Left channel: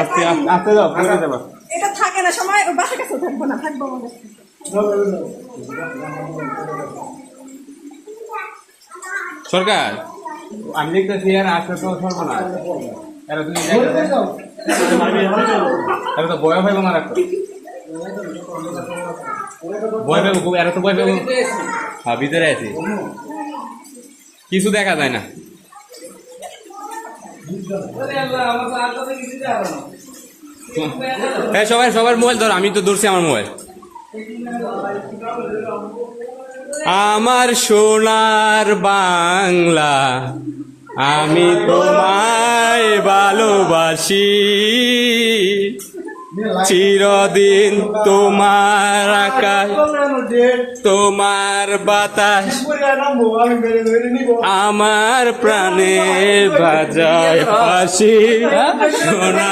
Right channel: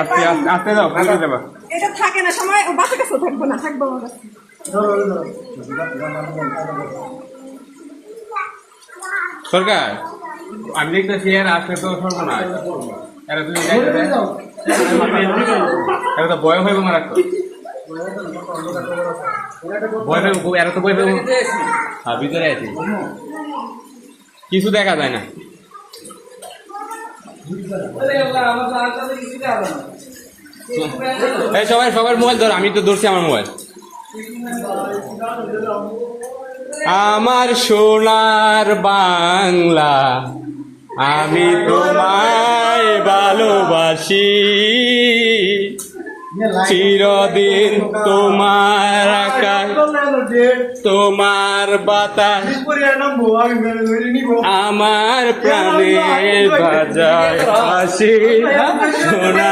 আস্তে আস্তে আস্তে যাও, পড়ে যাবা। এটা থাকে না সময়, বাসা কাছে থাকবো না, থাকবো আমার কাছে। সরকার আমি দেখতেছি এর আসলে তো সর্বনাশ। এরা তুমি এরা তো বয় ভাইব আমার রাখতো, বয় ভাইব, এরা তো বয় ভাইব। হ্যাঁ ভিতরে আছি, কিছু দেখা যায় না। সবাই সবার মোবাইল ধর, আমি তো ধরছি আমার মোবাইল। আমার সোনার বাংলা, আমি তোমায় ভালোবাসি, চিরদিন তোমার আকাশ, তোমার বাতাস আমার প্রাণে বাজায় হাসি। সোনা